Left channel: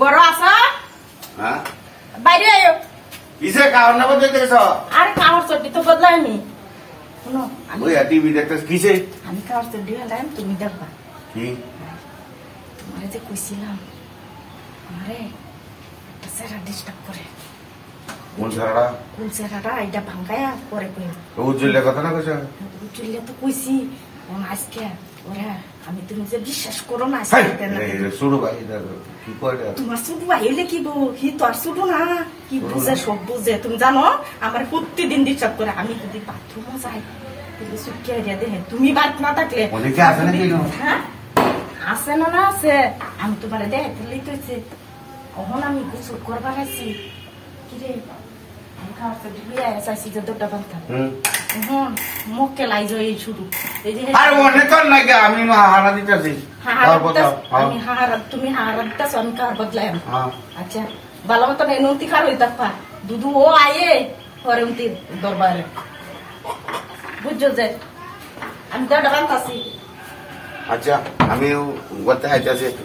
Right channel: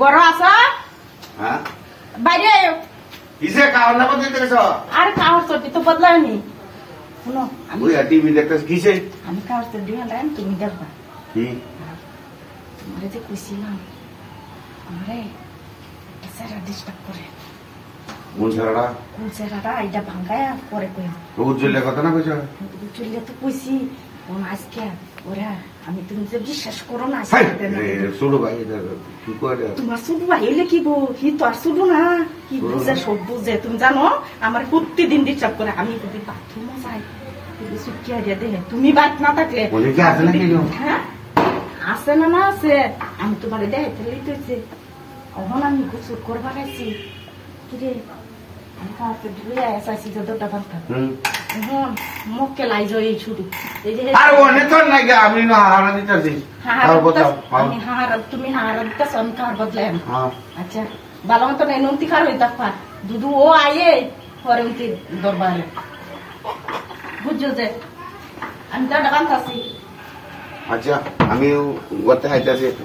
বড় আসা হ্যাঁ বাইরে কিসে কারণ না বদলাইতেছ আর কামড় চটি তো বদলানি শুনো ওই টিভি দেখতেছ কিসে আমি কামড় চটি হলাম তুমি দেখবা কি তোমারে যে কইছিলাম আমারে স্যারা ডিস্টার্ব করে কোন সারাটা কোন স্যারাটা এইটা ভাঙায়া পরে কই উজ্জ্বলের কথা না কইছ উজ্জ্বলে তো কইছি ও আজকে ওরা আমি তুমি যে বিশ্বাস করো না শুরু ভাই এটা কি কয় তোমার শুধু বাইরে কি বউ কি তো আর শুধু না কি বুঝে সব বুঝে তুমি জানো আমার প্রতিদিন ডিস্টার্ব করে আমি যদি বাথরুমে যাই সুটকে দিয়ে দে তুমি বাদ না থাকলে বলে কি আছে নাকি হ্যাঁ আছে না না আছে আমি তোমার দেয় তুই তুইছে ওহন আমি গোসল করবার আছি কি রে আমি খাওয়াতে দিলে এসআইসি যতটা বান্ধা মুখে লাই যায় শুরু আর অনেক তো নাই আমি না হারা দিতেছি আমি হারা তুমি হারা দিতেছ আমি কার বদলাই আচ্ছা ভালো মতো নেই নুনতি খার হইতা পা দুধু ও আয়ে পরে উনতি দরবারে বুঝছো যে আমি তো ডাকান্তাছি আচ্ছা আমি ওতে আইতাছি একটু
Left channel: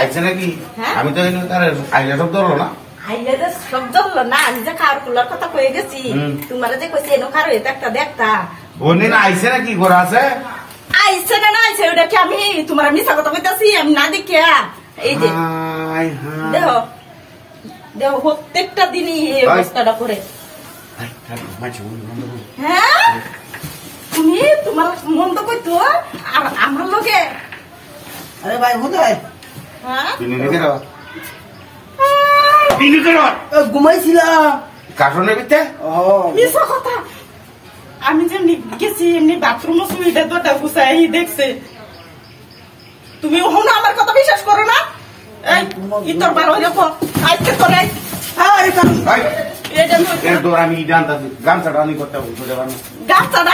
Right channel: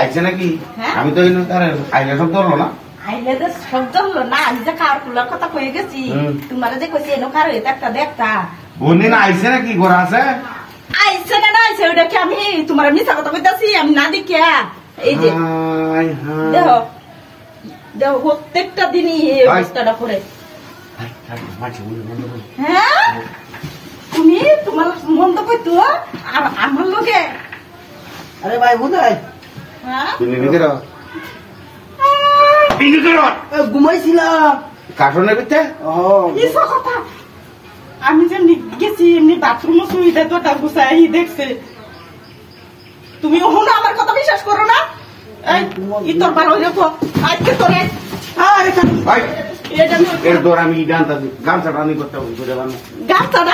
আইছে নাকি আমি তো তার আইলে সব ধরলো না আইলে যে সব ধরলো না আমি যে খাওয়ার খোলার কথা কয়ে গেছি তোমার যে কইছি এনো খার হয়ে একটা দেখতা বন্দিন আইছে নাকি ঘর আছে আইছে না না আইছে ওটা কি আমি তোমার মিশা কথা কইতাছি আমি না দেখিয়া এই যে দেখো দেখো প্রত্যেকটা দিনই এই অবস্থাটা করে হ্যাঁ তুমি তোমার মন্দ কইতো আর আমার লোকে আরে ভাই কোথায় ঘুমাইছিলাম কার্টুনের ভিতরে কথা আমি যেমনি গেছি এমনি বাথরুমও সুবিধা দুটা গুছাই দেখছে তুমি ওখানে আমার কথা বিশ্বাস করো না তোর ভালো হয়ে যাবো আজকে তোরে আমি গান চাটা করতে গান চাটা